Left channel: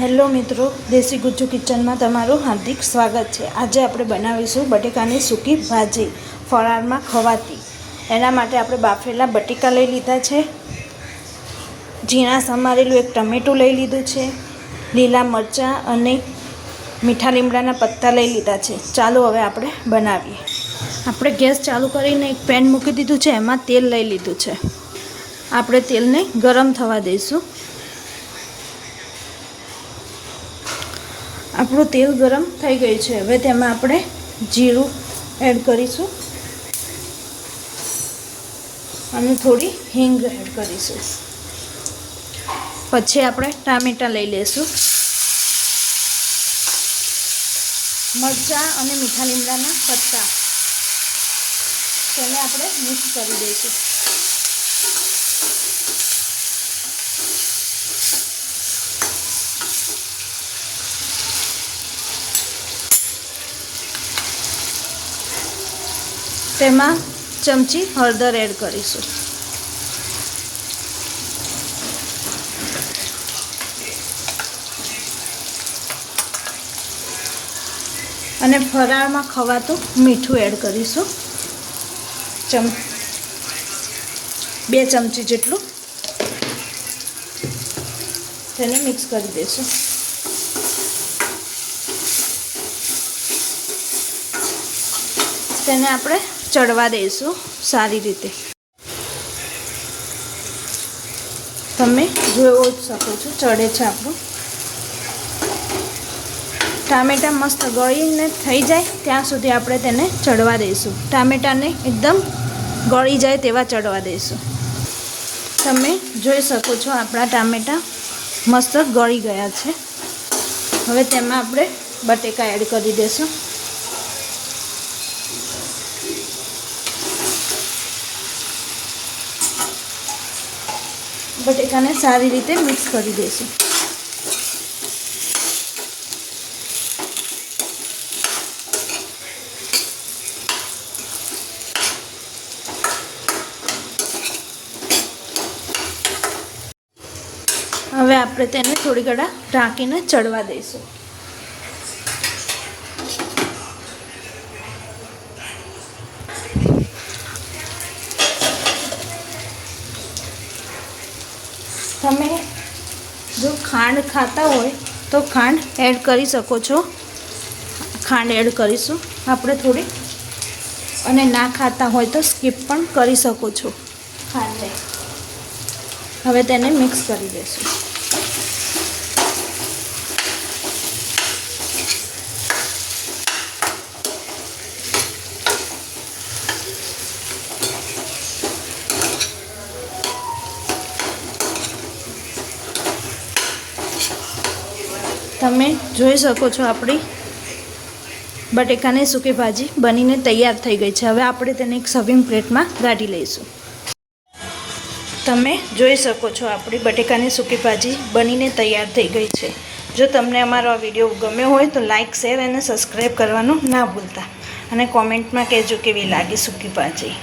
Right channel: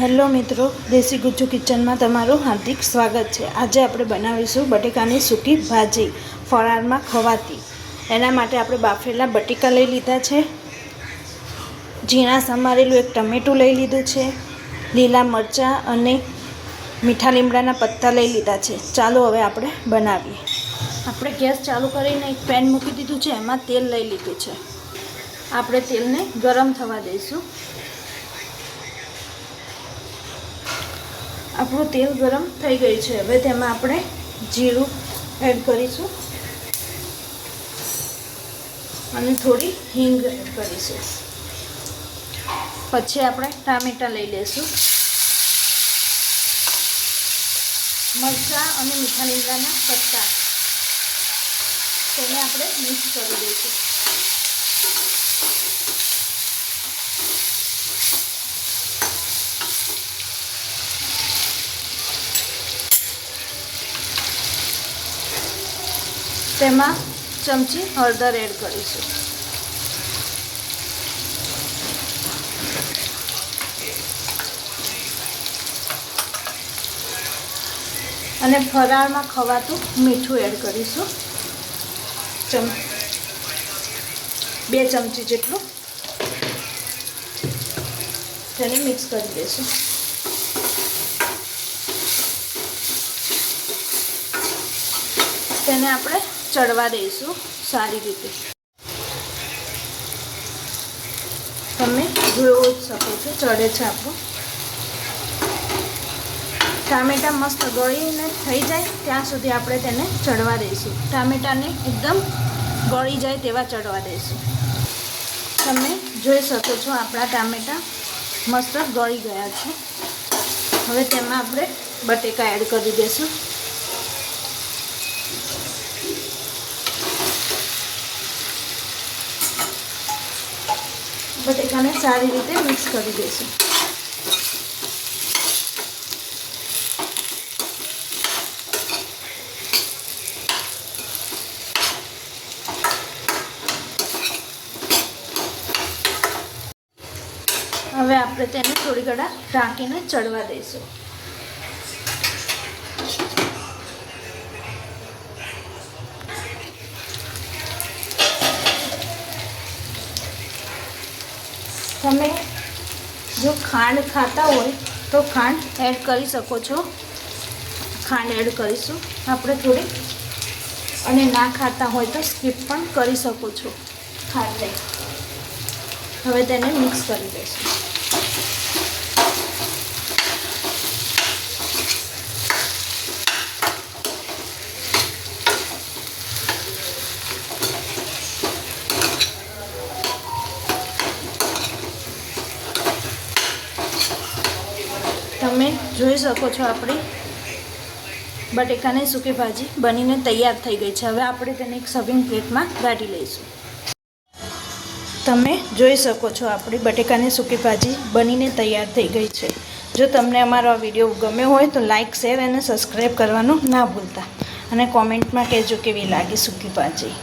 Hello મિત્રો, દેશી ગુજ્જુ કિચનમાં તમારું હાર્દિક સ્વાગત છે. આજે આપણે બનાવીશું બટેકાની સૂકી ભાજી, ફરાળમાં ખવાતી. એના માટે આપણે બાફેલા બટેકા લઈ લીધા છે. ઝીણા સમારેલું એક ટમેટું લઈ લીધું છે. લીલા મરચાં અને મીઠા લીમડાના પત્તા લઈ લીધા છે. ચાલો હવે આપણે બનાવીએ. આપણે ગેસ ચાલુ કરીને એક પેન મૂકી દીધું છે. એમાં તેલ લઈ લીધું છે. આપણે તેલને ગરમ થવા દઈશું. આપણું તેલ ગરમ થઈ ગયું છે. હવે તેમાં આપણે જીરું એડ કરીશું અને થોડી હિંગ એડ કરીશું. પછી આપણે ટામેટાં લઈ લઈશું. મરચાં અને મીઠા લીમડાના પત્તા તેને આપણે મિક્સ કરી દઈશું. તેમાં ચમચી હળદર એડ કરીશું. અને ફરાળમાં ખવાતું મીઠું એડ કરીશું. ચમ, બે ચમચી જેટલું. તેને મિક્સ કરી દઈશું. તેને આપણે ચડવા દઈશું સારી રીતે. તમે જોઈ જ શકો છો, ચડે છે આપણું. ટામેટાં મસ્ત ગળીને થઈ જાય, ત્યાં સુધી આપણે તેને ચડવા દઈશું. ટામેટાને એકદમ ગળી જાય તેવા ચડવા દઈશું. તમે જોઈ શકો છો, આપણા ટામેટાં મસ્ત ગળી ગયા છે. હવે તેમાં આપણે બટેકા એડ કરી દઈશું બટેકાને સારી રીતે મિક્સ કરી દઈશું. હવે આપણે તેને થોડી ઘણા ઢાંકીને ચડવા દઈશું. તમે જો ખાંડ ખાતા હોય તો ખાંડ એડ કરી શકો છો. ખાંડ એડ કરીશું. આપણે થોડી અને ના ખાતા હોય તો સ્કીપ પણ કરી શકો છો. ખાંડ. હવે તેને મિક્સ કરી દઈશું. તમે જોઈ શકો છો આપણી બટેકાની સૂકી ભાજી બનીને તૈયાર થઈ ગઈ છે. હવે આપણે તેને એક સર્વિંગ પ્લેટમાં કાઢી લઈશું. તમે જોઈ શકો છો આપણી બટેકાની સૂકી ભાજી બનીને તૈયાર થઈ ગઈ છે. જો તમને અમારો આ વીડિયો ગમ્યો હોય તો લાઇક શેર અને સબસ્ક્રાઈબ કરવાનું ના ભૂલતા. અને કોમેન્ટમાં કહેજો કેવી લાગી સૂકી ભાજી.